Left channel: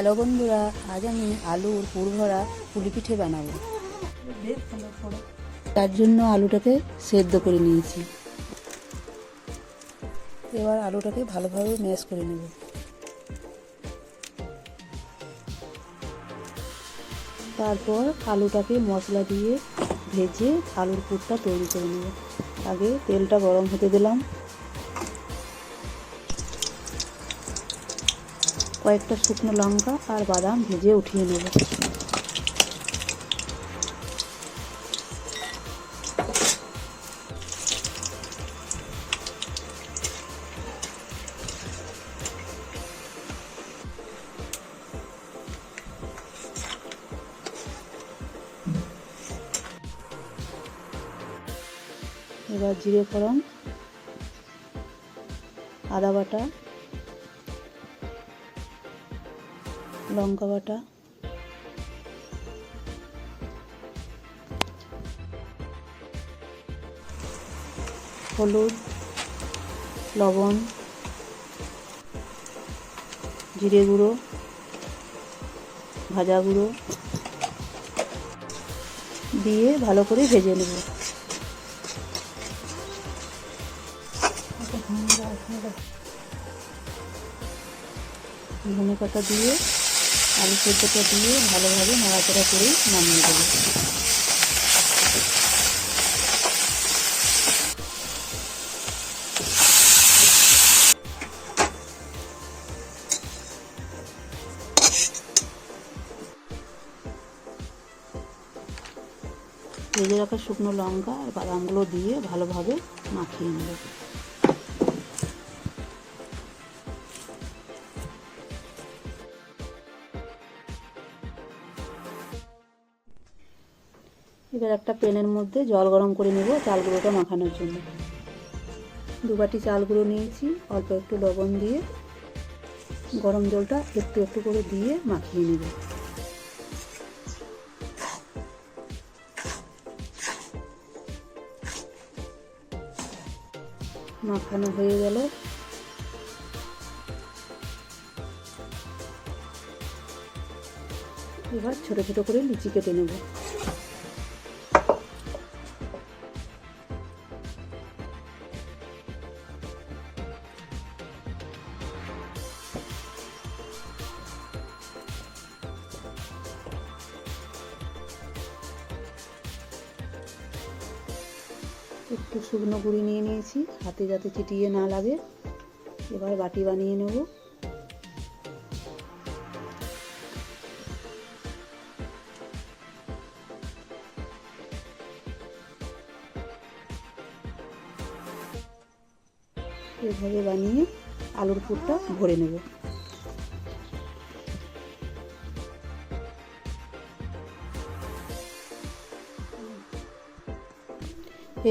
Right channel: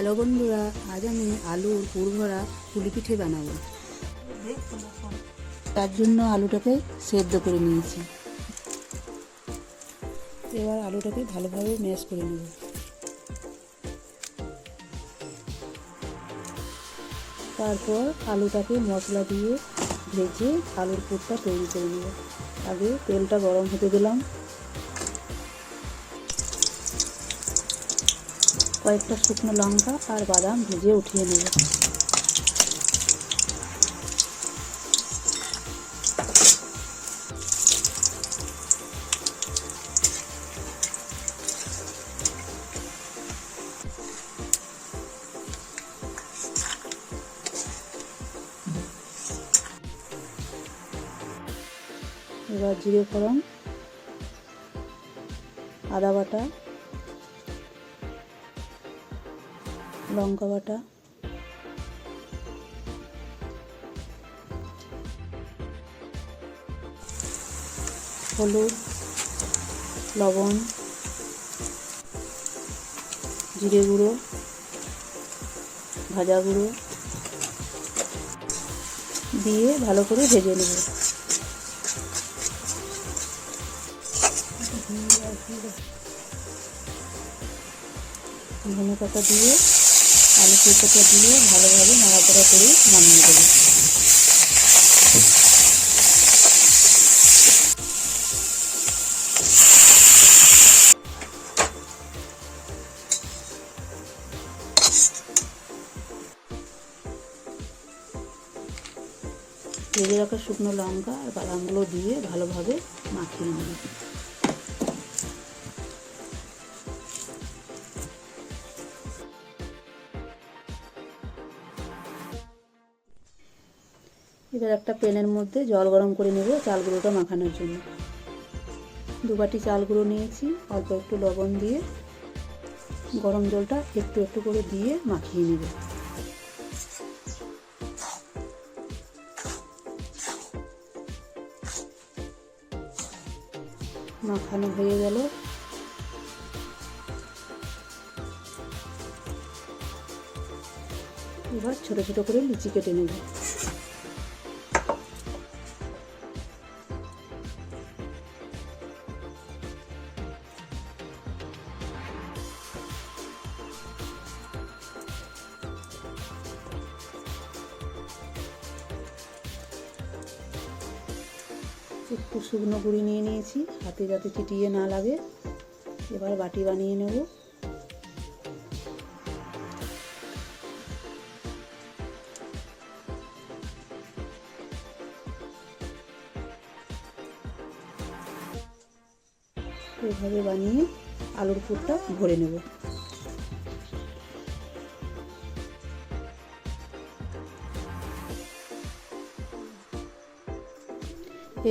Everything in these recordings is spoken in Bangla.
হ্যালো বন্ধুরা, আজ আমি আলুর পুর ভরা পুলি পিঠে বানাবো। তার জন্য আলুটাকে সেদ্ধ করে নিয়েছি। এবার আলুটাকে ভালোভাবে ম্যাশ করে নেব। তারপর আলুটাকে মশলা দিয়ে ভেজে আলুর পুরটা তৈরি করে নেব। আগে তেলটা গরম হতে দিলাম, কয়েকটা শুকনো লঙ্কা আর বাদাম ভেজে উঠিয়ে নেব। এবার জিরে ফোড়ন, আদা বাটা, লঙ্কা বাটা, হলুদ, লবণ, জিরে গুঁড়ো, ভাজা গুঁড়ো দিয়ে ভালো করে ভেজে নেব। ধনে পাতা দিয়ে আলু সেদ্ধটা দিয়ে ভালোভাবে নাড়াচাড়া করে নামিয়ে দেবো। ভেজে রাখা শুকনো লঙ্কা আর বাদামগুলো দিয়ে ভালোভাবে মাখিয়ে নেব। এবার একটা প্যানের মধ্যে জল গরম করে নেব চাল গুঁড়োটা মাখানোর জন্য। 2 বাটি চাল গুঁড়ো নিয়েছি, অল্প একটু লবণ দিয়ে গরম জলটা একটু একটু করে দিয়ে মাখিয়ে নেব। মাখানো হয়ে গেল। এবার ছোট ছোট করে লুচি কেটে নেব। একটু শুকনো গুঁড়ি নিয়ে নিয়েছি, হাতে যাতে চিটিয়ে না লাগে। এবার বাটি বানিয়ে নেব। এভাবে বানিয়ে আলুর পুরটা ভরে নেব।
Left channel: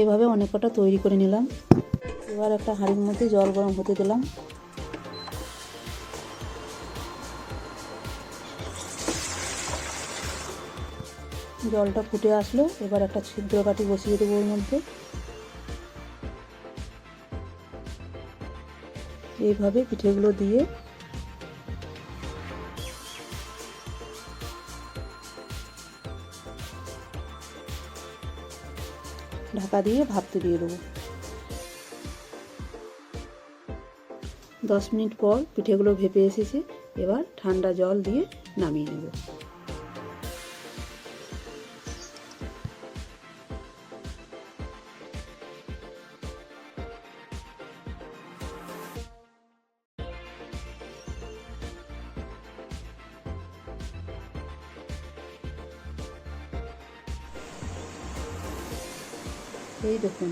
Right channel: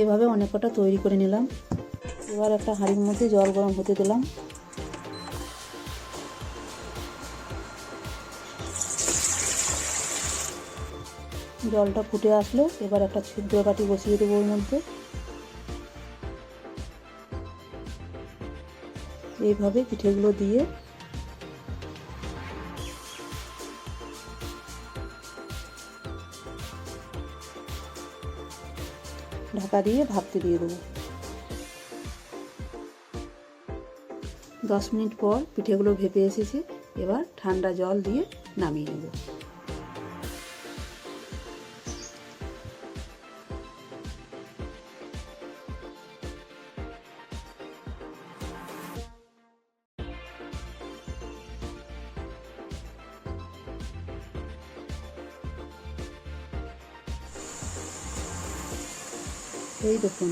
এভাবে অনেক কটা তৈরি করে নিলাম। এবার একটা হাঁড়ির মধ্যে জল গরম হতে দিলাম। জলটা ফুটে আসলে এবার একটা ছিদ্র বাটি বসিয়ে দেবো ওর মধ্যে। এইভাবে পিঠেগুলো দিয়ে ঢাকা দিয়ে ভাপতে দিয়ে দেবো। 10 মিনিট পর পিঠেগুলো ভেপে এসেছে। এবার ঠান্ডা জল দিয়ে নামিয়ে নেব। এই দেখুন,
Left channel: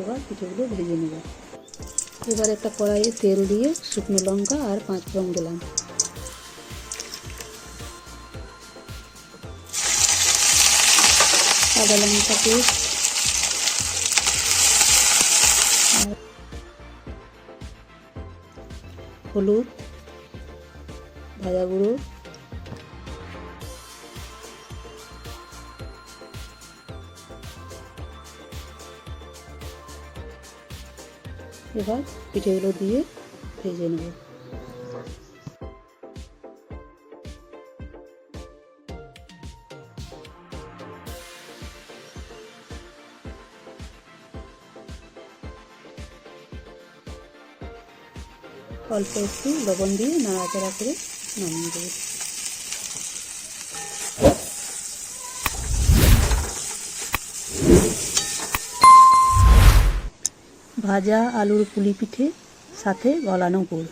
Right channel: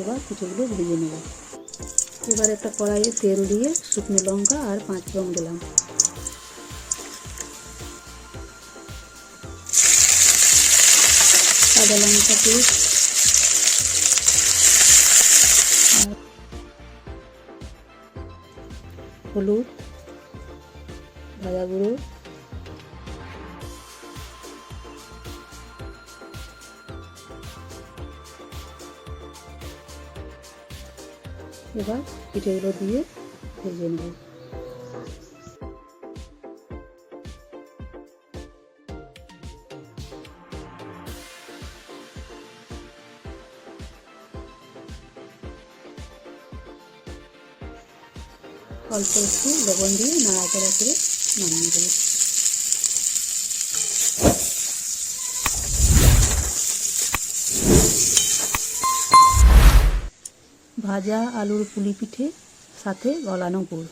এবার পিঠেগুলো ভেজে নেব। এবার একটা কড়াইয়ে তেল দিয়ে শুকনো লঙ্কা আর 5 ফোড়ন দিলাম। আদা লঙ্কা পেস্ট আর হলুদ, ভাজা গুঁড়ো, এবার পিঠেগুলো দিয়ে ভেজে নেব। অল্প একটু লবণ দিয়ে নাড়াচাড়া করে নামিয়ে দেবো। ভাজা আলুর পুলি পিঠে সাথে গলানো গুড়।